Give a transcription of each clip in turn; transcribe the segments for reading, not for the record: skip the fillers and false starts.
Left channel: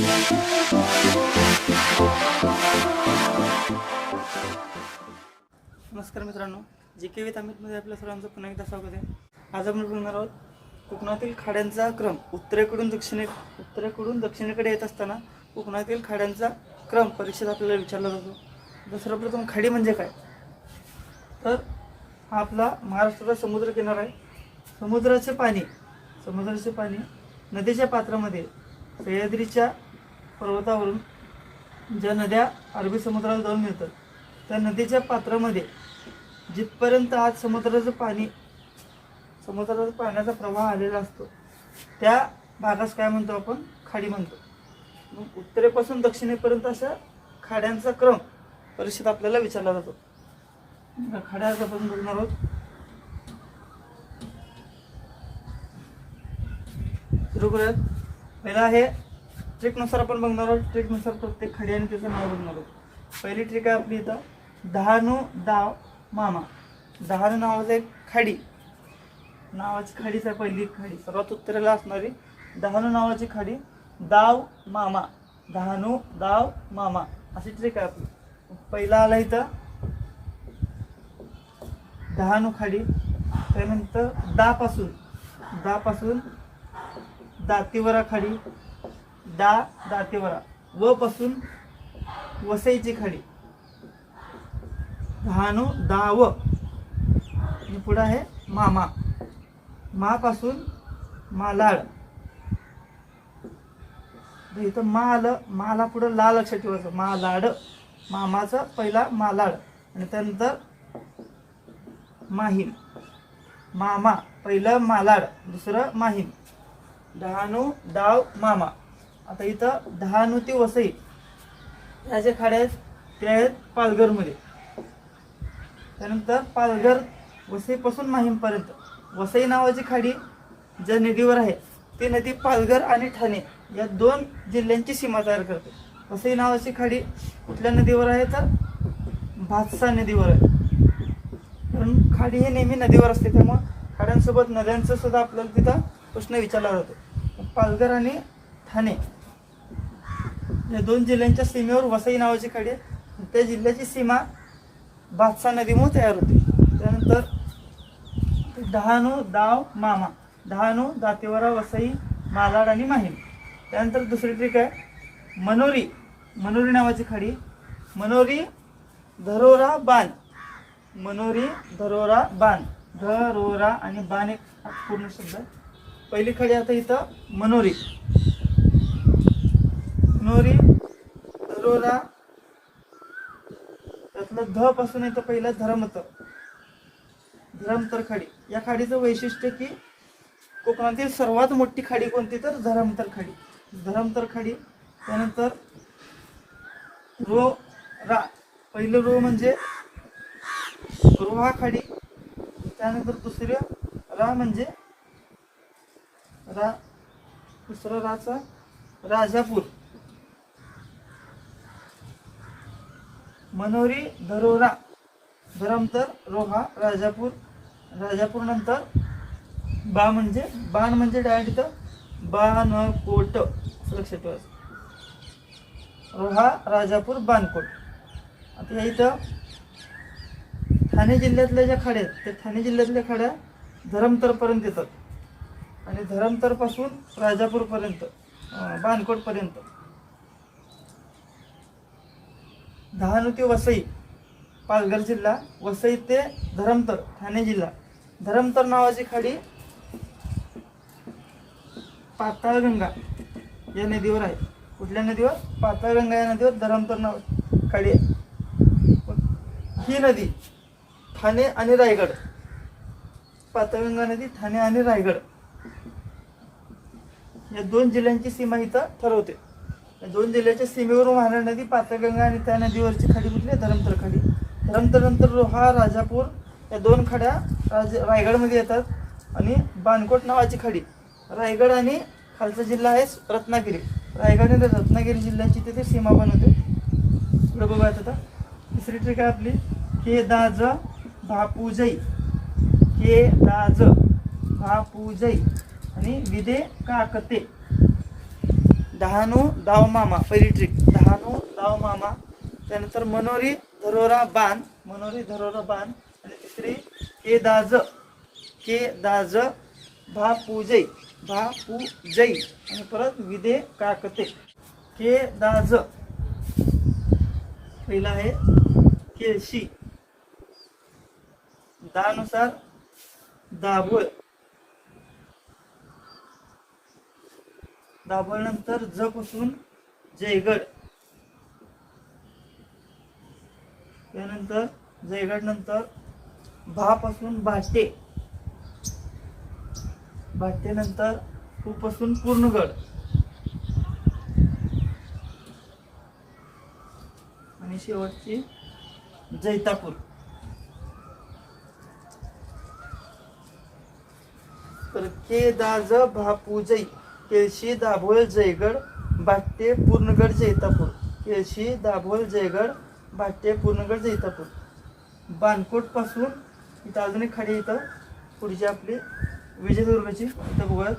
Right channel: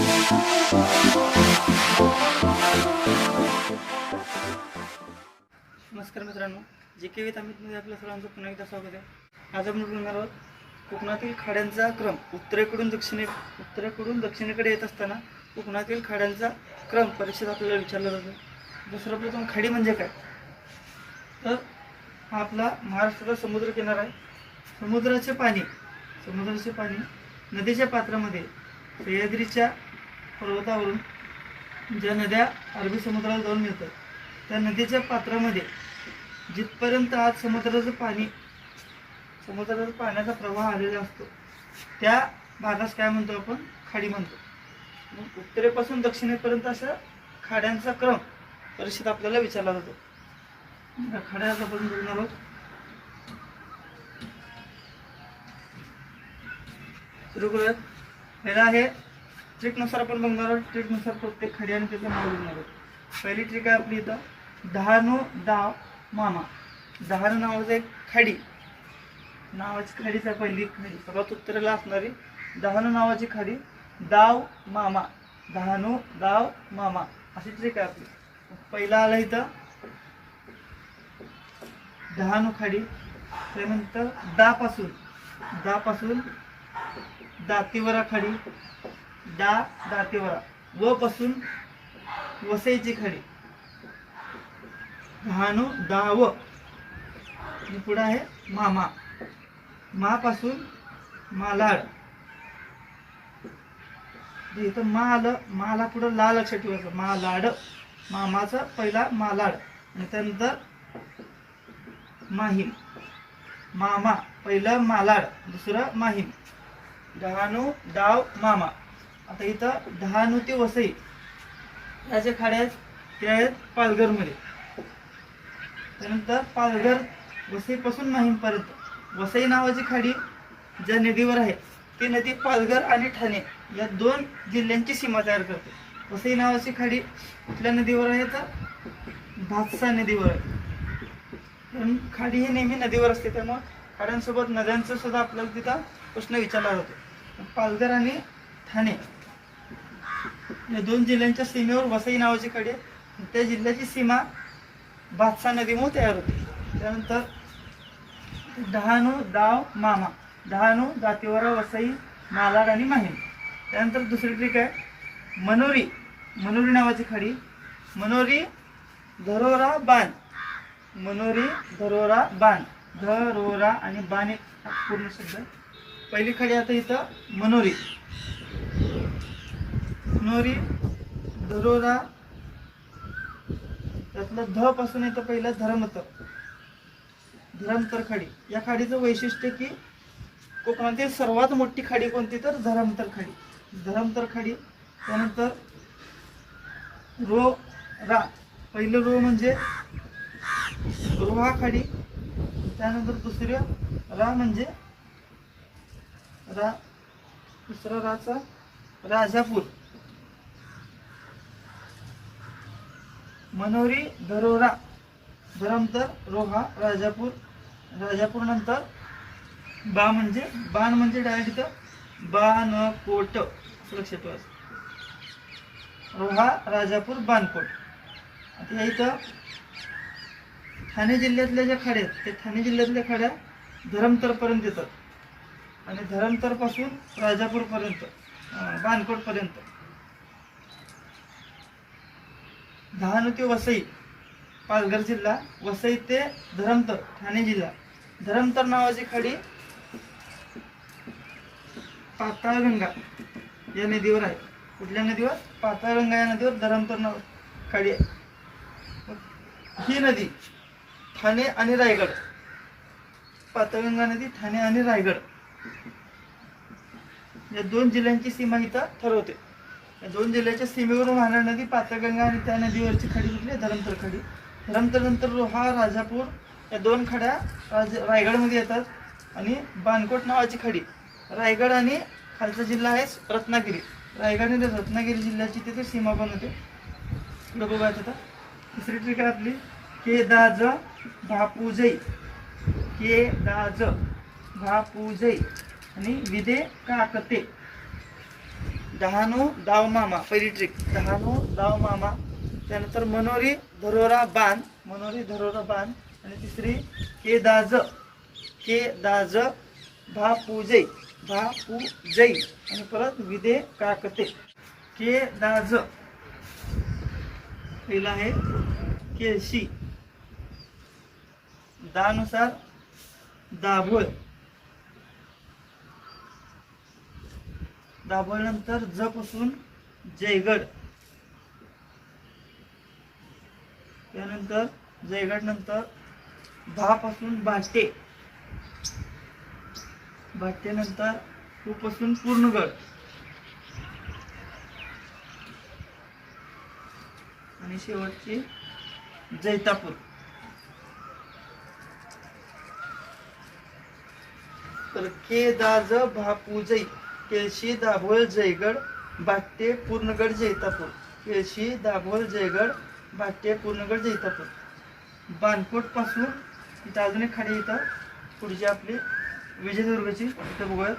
नमस्कार मित्रांनो, GK. With अमितमध्ये आपल्या सर्वांचं पुन्हा एकदा स्वागत आहे. आज आपण बोलणार आहोत कोकणातील खाड्यांचा क्रम. उत्तरेकडून दक्षिणेकडे येत असताना कोकणातील खाड्यांचा क्रम परीक्षेत आपल्याला विचारला जातो. सर्वप्रथम खाडी म्हणजे काय, तर हा आपला महाराष्ट्राचा समुद्र किनारा आहे. समुद्राचे पाणी नदीच्या पात्रामध्ये सह्याद्रीच्या पर्वतावरून ज्या नद्या अरबी समुद्राला जाऊन मिळतात त्या नदीच्या पात्रामध्ये जिथपर्यंत आज समुद्राचा पाण्याचा प्रवाह आलेला असतो त्या भागास काय म्हणतो आपण, खाडी म्हणतो. मग उत्तरेपासून दक्षिणेपर्यंत अशा खाड्यांचा क्रम परीक्षेत आपल्याला विचारला जातो. या खाड्या आपण बघणार आहोत. सुरू करूयात. पहिला आहे ट्रिकनुसार आपण बघणार आहोत. ट्रिकनुसार प्रत्येक खाडी आणि त्याचं नाव बघणार आहोत. पहिली ट्रिक आहे आपली इथं डहाणू डाव मामा. डहाणू नावाचं एक नावाची खाडीच आहे. पहिली खाडी सर्वात उत्तरेला असणारी डहाणू नावाची खाडी. डाव मामा, डहाणू डाव मामा अशी ट्रिक आहे आपली. पहिला आला इथं डहाणू खाडी. त्यानंतर दापासून दातीवरा खाडी. दातीवरा. व पासून वसईची खाडी. डहाणू डाव आणि पुढे आहे मामा. पासून मालाड. इथं माला पुढे ला लक्षात ठेवायचं. मालाड. मामाचा पहिला मालाड आणि त्यानंतर माहीम. मामा पहिलं मालाड दुसरं माहीम. डहाणू डाव मामा. आता इथं डहाणू ते वसई या ज्या खाड्या आहेत त्या आहेत पालघरमध्ये. त्यानंतर पालघर वसईपासून माहीमपर्यंत वसई नावाची खाडी ज्या नदीवर आहे ती नदी पालघर आणि ठाणे या दोन जिल्ह्यांची सीमा तयार करते. वसई नावाची खाडी कुठल्या नदीवर आहे तर भातसा नदीवर आहे. कारण खाडी ही नेहमी नदीवर असते त्यामुळे खाड्यांसोबत नद्यांचं सुद्धा आपल्याला तिथं प्रश्न विचारला जातो. पालघर आणि ठाणे या दोन जिल्ह्यांच्या सीमेवर वसई नावाची खाडी आहे. त्या जिल्ह्याची सीमा भातसा नदीमुळे तयार होते. त्यानंतर डहाणू डाव मामा. डहाणू दातीवरा वसई मालाड आणि माहीम. त्यानंतर दुसरी ट्रिक आहे मनोरी नावाची खाडी. मनोरी धरोरा बाण. धरोरा आणि बाण एक पूर्ण शब्द. पहिली खाडी आता इथं मनोरी धरोरा. त्यातलं ध पासून येतं पहिलं धरमतर खाडी. या खाडीचं वैशिष्ट्य की कोकणातील सर्वात मोठी खाडी कोणती तर धरमतर खाडी. त्यानंतर पहिलं रो म्हणजे रोहा खाडी. त्यानंतर दुसऱ्या म्हणजे दुसरा राचा राजापूर. मनोरी धरोरा धरमतर रोहा राजापूर नंतर बाण म्हणजे डायरेक्ट इथं बाणकोट लक्षात ठेवायचं. रोहा राजापूर बाणकोट. आता इथं ठाणे जिल्ह्यातल्या ज्या खाड्या आहेत त्या ठाणे जिल्ह्यातल्या खाड्या धरमतरपर्यंत येतात आणि धरमतरपासून राजापूरपर्यंत बाणकोटपर्यंत. डहाणू ते वसई पालघर जिल्हा. वसई ते धरमतर ठाणे जिल्हा. धरमतर नावाची खाडी पाताळगंगा या नदीवर आहे. कुठल्या नदीवर? पाताळगंगा या नदीवर धरमतर नाव खाडी आहे. ही नदी ठाणे आणि रायगड. पाताळगंगा नदी ठाणे आणि रायगड या दोन जिल्ह्यांची सीमा इथं ठरवते. या दोन जिल्ह्याच्या सीमेवरून वाहणारी नदी पाताळगंगा आणि त्या नदीवरची खाडी कुठली? धरमतर खाडी. धरमतर रोहा राजापूर या दोन खाड्या रायगडमध्ये येतात आणि बाणकोट नावाची खाडी रायगड आणि खालचा जिल्हा आहे रत्नागिरी. रायगड आणि रत्नागिरी जिल्ह्याची तिथे सीमा बनवते. पुढे बघूयात आता. दुसरी ट्रिक आहे आपली केदाज भापूजई आणि विदे काकते. डहाणू दाव मामा पहिली ट्रिक, डहाणू दाव मामा. त्यानंतर मनोरी धरोरा बाण, मनोरी धरोरा बाण. आणि तिसरी के दाज भापूजै, भापूजै. आणि परत विदे काकते. के दाज पहिला आहे केळशी, दानुसार दाभोळ, दाभोळ नंतर ज पासून जयगड. त्यानंतर जयगड नंतर भा पासून भाटे, भाटे नंतर पू पासून पूर्णगड. आणि शेवटची जैतापूर. तर के दाज भापूजै, केळशी दाभोळ जयगड भाट्टे पूर्णगड जैतापूर. केळशी दाभोळ जयगड भाट्टे पूर्णगड जैतापूर. बाणकोट पासून इथं अजून एक खाडी, इथं पुढची आपली विजयदुर्गची. इथं बघूयात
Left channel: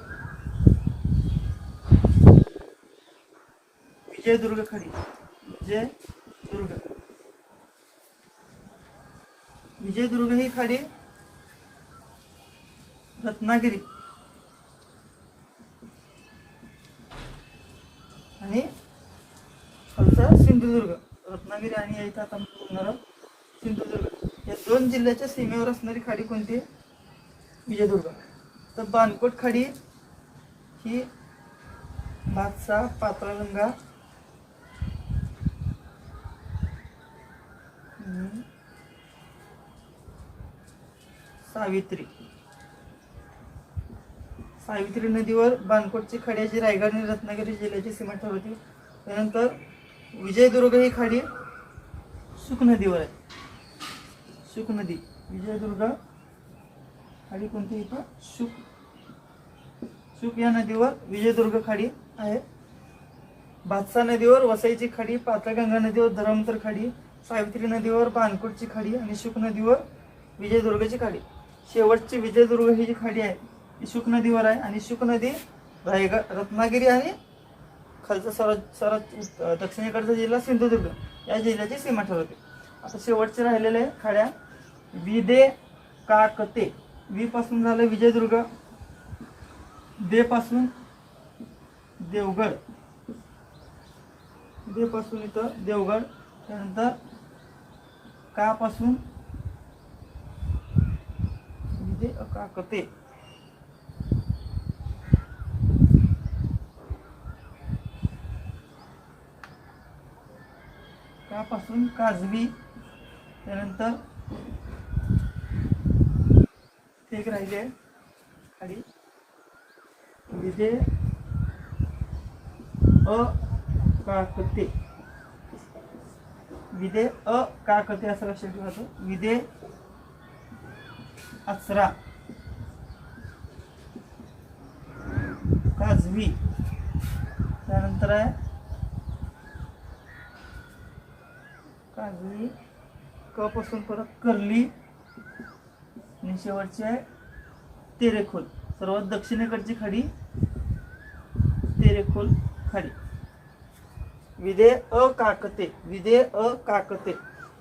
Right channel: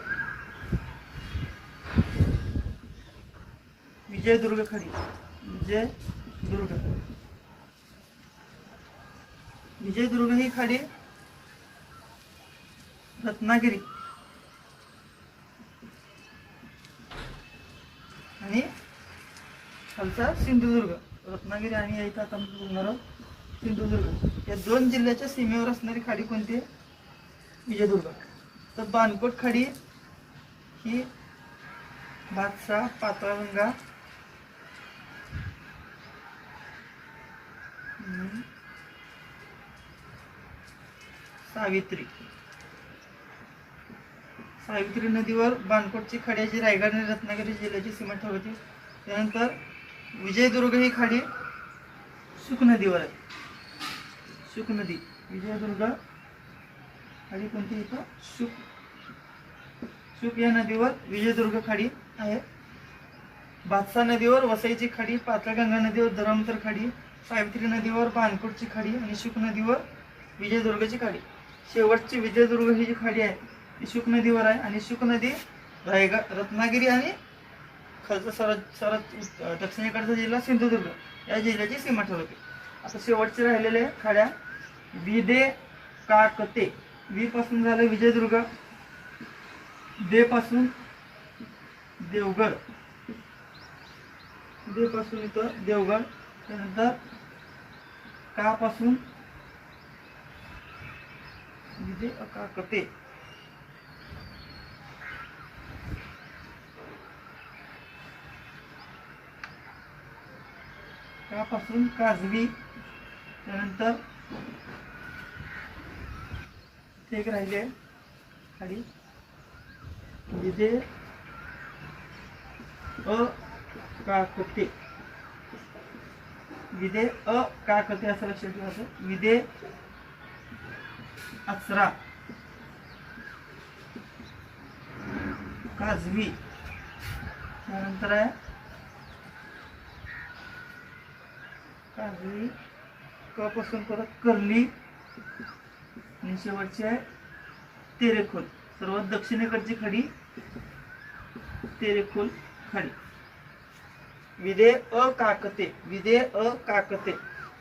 विजयदुर्ग खाडी, विजयदुर्ग. विजयदुर्ग ही खाडी रत्नागिरी आणि खालचा सिंधुदुर्ग. रत्नागिरी आणि इथं आता बोलणार सिंधुदुर्ग, या दोन जिल्ह्याच्या सीमेवर असणारी खाडी कोणती? विजयदुर्ग. तर बाणकोट खाडी ही भातसा, पाताळगंगा, सावित्री. सावित्री नदीवर बाणकोटची खाडी जी रायगड आणि रत्नागिरी जिल्ह्याची सीमा ठरवते. त्यानंतर विजयदुर्ग ही खाडी शुक नदीवर आहे. शुक नदी, विजयदुर्ग खाडी कोणती? इथं शुक या नदीवर विजयदुर्ग खाडी आहे. भातसा नदीवर वसईची खाडी, पाताळगंगा नदीवर धरमतर खाडी, सावित्री नदीवर बाणकोटची खाडी आणि शुक नदीवर विजयदुर्गची खाडी. शेवटची विजयदुर्ग ही जी खाडी आहे ती शुक नदीवर आहे. आणि शुक नदी रायगड, रत्नागिरी आणि खालचा सरत दक्षिणेकडचा जिल्हा सिंधुदुर्ग या जिल्ह्याची सीमा ठरवते. आता शेवटचे राहिलेले खाड्या विदे काकते. वी पासून झालं विजयदुर्ग, दे पासून देवगड, दे पासून इथं देवगड. त्यानंतर का पासून विदे काकते. पासून काजवी. त्यानंतर एक राहिले आहे खाली विदे काकते, विदे काकते असं लक्षात ठेवायचं. विदे आचरा, काजवी. त्यानंतर आहे काजवी, क पासून परत कर्ली. आणि शेवटची आहे तेरेखोल. सर्वात दक्षिणेकडची खाडी तेरेखोल खाडी. विदे काकते, विदे काकते.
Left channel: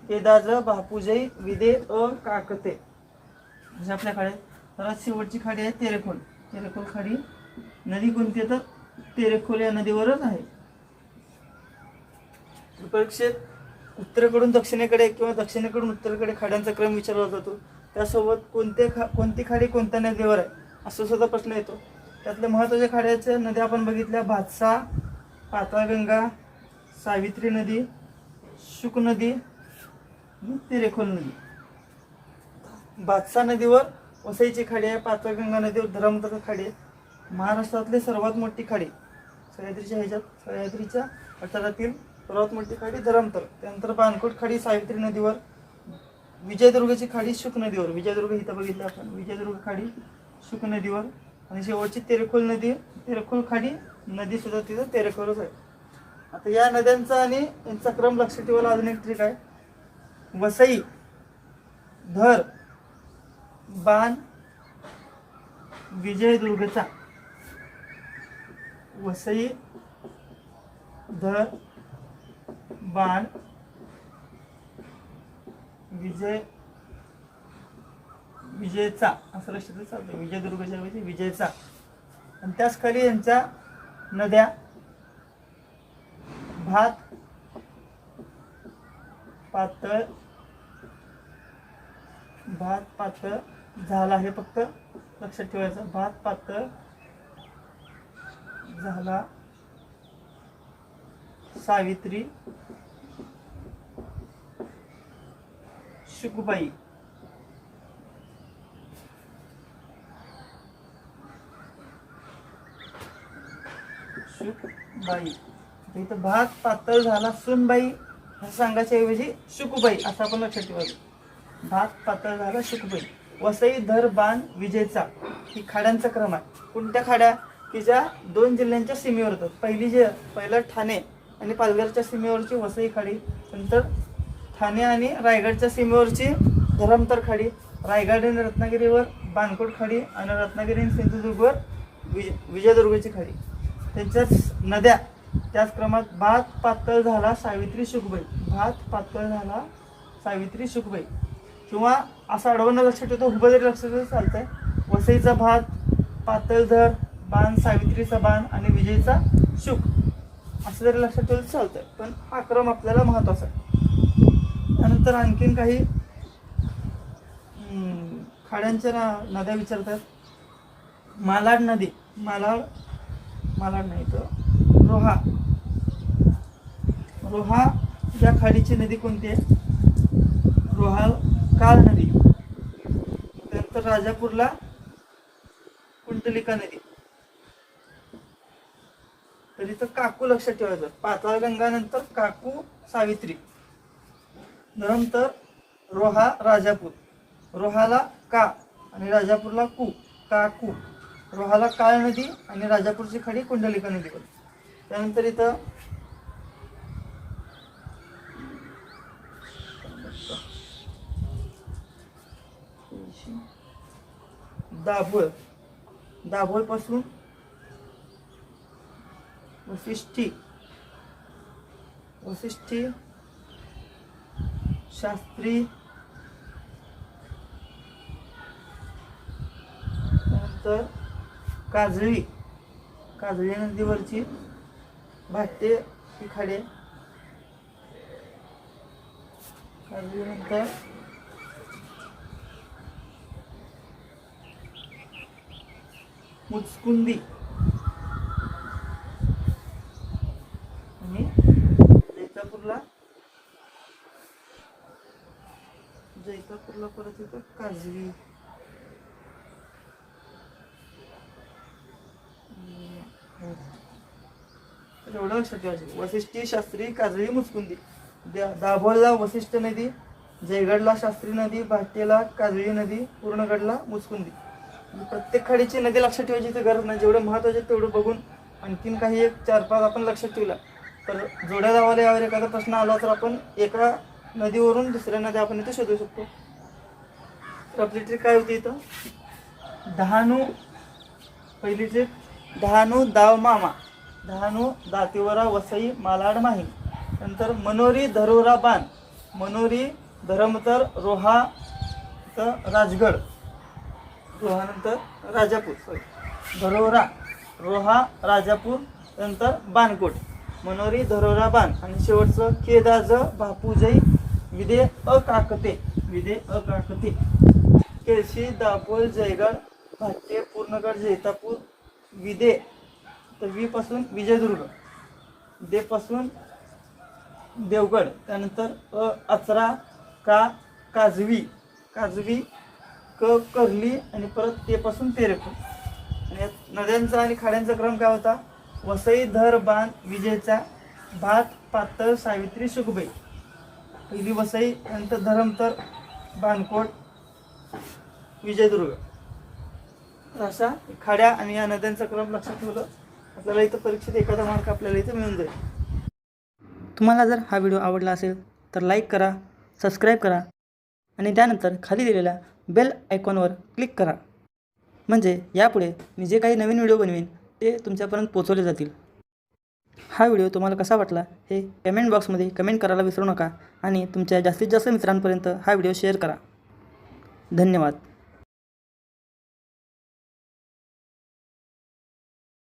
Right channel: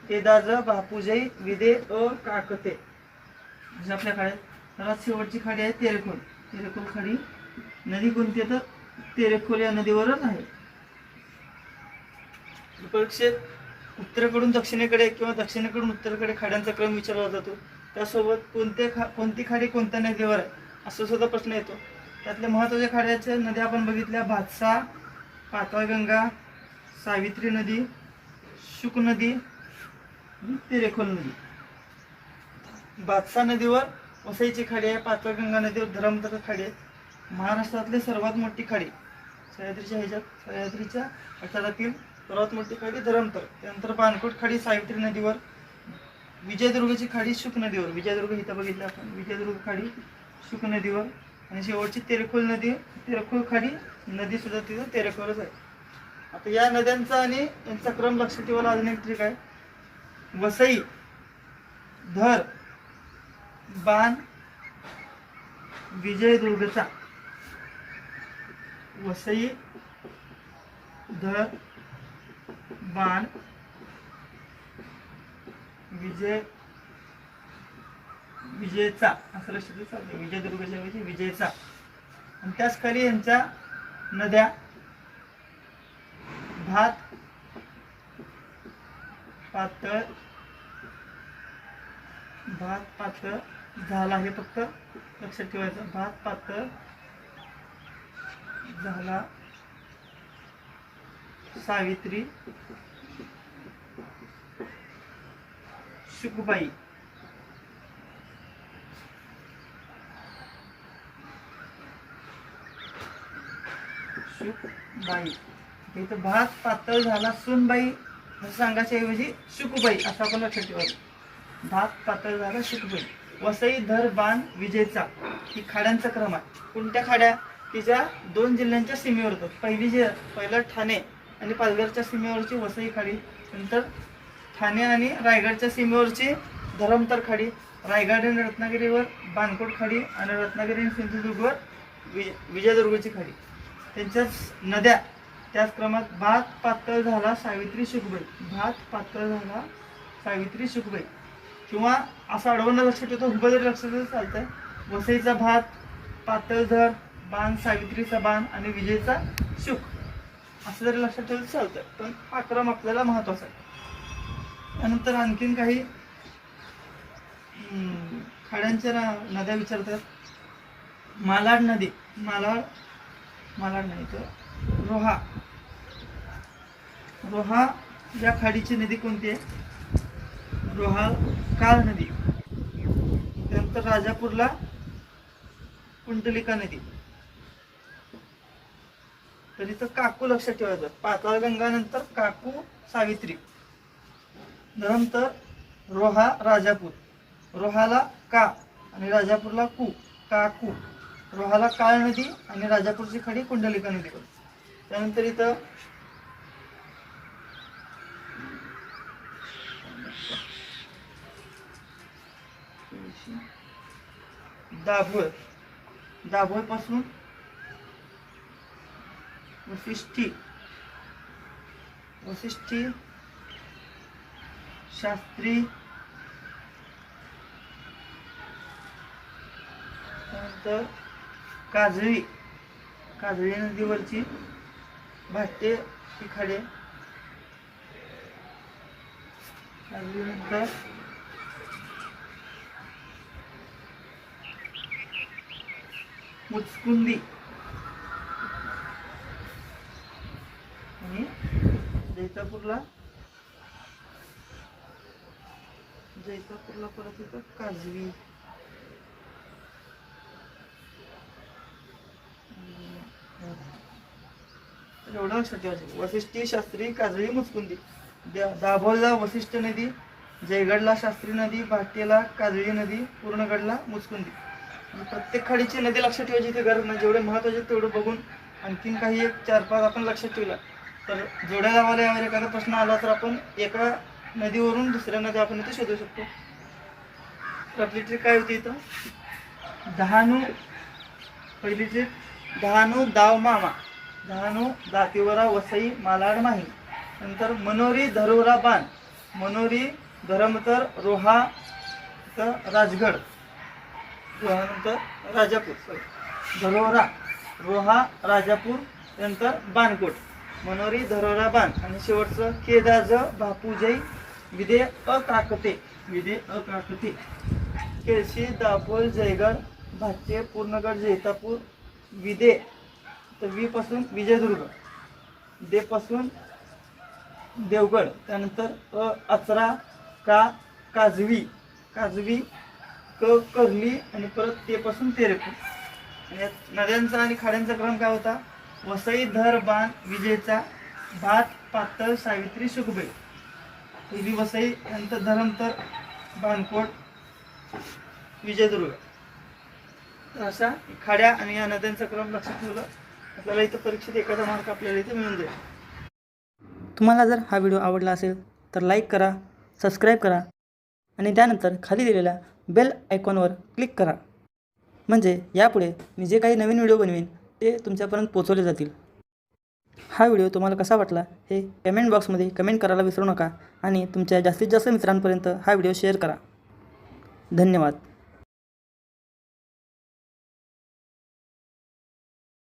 केदाज बापूजई विदे काकते. म्हणजे आपल्या खाड्यात सर्वात शेवटची खाडी आहे तेरेखोल. तेरेखोल खाडी. नदी कोणती? तर तेरेखोल या नदीवरच आहे. परीक्षेत उत्तरेकडून दक्षिणेकडे किंवा दक्षिणेकडून उत्तरेकडे खाड्यांचा क्रम विचारला जातो. त्यासोबत कोणती खाडी कोणत्या नदीवर आहे असं सुद्धा प्रश्न येतो. त्यातल्या महत्त्वाच्या खाड्याच्या नद्या आपण बघितल्या भातसा, पाताळगंगा, सावित्री नदी, शुक नदी, तेरेखोल नदी. भातसा नदीवर वसईची खाडी आहे, पाताळगंगा नदीवर धरमतर खाडी आहे. महाराष्ट्रातली सर्वात मोठी खाडी सह्याद्रीच्या पठारातील सर्वात मोठी खाडी धरमतर. त्यानंतर बाणकोट खाडी सावित्री नदीवर, विजयदुर्गची खाडी शुक नदीवर. विजयदुर्ग इथं बघितलं आपण, विजयदुर्ग खाडी शुक नदीवर. आणि शेवटची तेरेखोल नदी, तेरेखोल खाडी नदी सुद्धा तिथं तेरेखोलच आहे. आता या नद्यांचा आणि यांचा क्रम लक्षात ठेवायला अजून एक ट्रिक आहे. वसई, धर, बाण, विजयदुर्गचा. वसई, धर बाण विजयचा असं लक्षात चालते. विजयदुर्गच्या ऐवजी विजयचा. आणि त्याच खाली यांच्या नद्या भात पातळ झाला. हे फक्त लक्षात ठेवायचं. भात पातळ झाला. सावित्री शुकबाई. इथं भात पातळ झाला सुनबाई असं सांगायच्या ऐवजी शुकबाई असं आपण लक्षात ठेवायचं. भात पातळ झाला शुकबाई. वसई धर बाण विजेचा. ही खाड्यांचा क्रम आहे. कोणत्या खाड्या की ज्या 2 जिल्ह्यांच्या सीमेवर होतात. पहिलं ठाणे आणि पालघरच्या सीमेवरची वसई खाडी, नंतर ठाणे आणि रायगडच्या सीमेवरची धरमतर खाडी, रायगड आणि रत्नागिरीवर बाणकोट खाडी आणि रत्नागिरी आणि सिंधुदुर्गवर विजयदुर्गची खाडी. त्यांच्याच नद्या त्याच क्रमात भात पातळ झाला सावित्री शुकबाई. भात पातळ झाला सावित्री शुकबाई. किंवा असं अडवणं लक्षात ठेवतो, उभं जरी लक्षात ठेवतो चालतंय. वसईचा भात, पातळ धर बाण, सावित्रीचा बाण आणि विजयचा शुक असं जरी लक्षात ठेवलं चालतं. पण हा क्रम आपल्याला महत्वाचा आहे. त्यानंतर आणखीन काही खाड्यांच्या नद्या विचारतात. मालाड नदी. मालाड नाही तर रोहा या खाडीची नदी कोणती आहे? रोहा काळ नदी. त्यानंतर राजापूरला कुंडलिका नदी. तर इथं काकू लक्षात ठेवायचं. पाताळगंगा नंतर काकू सावित्री. नंतर रोहा राजापूर. रोहाला का आणि राजापूरला कू, काकू. रोहाला काळ नदी आणि राजापूरची खाडी कुंडलिका नदी. त्यानंतर इथं दाभोळ पासून वशिष्ठी शास्त्री. त्यानंतर काजळी नदीवरची भाट्ये ही खाडी. काजळी नंतर मुचकुंदी आणि जैतापूरला परत येतं काजळी. एवढं लक्षात ठेवायचं. वशिष्ठी शास्त्री काजळी मुचकुंदी. दाभोळला वशिष्ठ नदी, जयगडला शास्त्री नदी, भाट्येला काजळी नदी, पूर्णगडला मुचकुंदी. प्रत्येक खाडीची नदी लक्षात ठेवायची ते गरज नाही. जेवढे महत्वाचे तेवढं बघून आणखीन काही 4-5 आपण लक्षात ठेवला तर जोड्या लावायला यावर एखादा प्रश्न आला तर आपण एका नदीवरून दुसऱ्या नदी आपण इथे शोधू शकतो. तर आपली ट्रिक काय होती इथं? डहाणू. पहिली ट्रिक डहाणू दाव मामा. डहाणू दातिवरा वसई मालाड माहीम. नंतर मनोरी धरोरा बाण. मनोरी धरमतर रोहा राजगड. नंतर राजापूर. धरोरा रोहा राजापूर. नंतर बाणकोट. मनोरी धरोरा बाण. आणि शेवटचं केदाज बापूजई विदे अकाकते. केळशी दाभोळ जयगड भाट्ये पूर्णगड जैतापूर विदे. तर वी पासून विजयदुर्ग. दे पासून देवगड. त्यानंतर अचरा का काजवी क करली आणि परत ते पासून तेरेपूर. आणि नद्यांचा आणि खाड्यांचा क्रम काय होता? वसई धर बाण विजयचा. भात पातळ सावित्री शुकबाई. पहिली वसई, नंतर धरमतर बाणकोट विजयदुर्ग. अशा खाड्या आणि या नद्यांचा क्रम लक्षात ठेवलं आपल्याला इथं परीक्षेत एखादा मार्क आपल्याला इथं मिळून जाईल. तुम्हाला जर हा व्हिडिओ आवडला असेल तर लाईक करा, सबस्क्राईब करा आणि त्यानंतर खाली दिलेल्या बेल आयकॉनवर क्लिक करा. म्हणजे यापुढे मी जे काही नवीन व्हिडिओ बनवीन ते तुमच्यापर्यंत पोहोचवले जातील. हा व्हिडिओ तुम्हाला कसा वाटला हे कमेंट बॉक्समध्ये कमेंट करायला विसरू नका आणि तुमच्या जास्तीत जास्त मित्रांपर्यंत हा व्हिडिओ शेअर करा. धन्यवाद.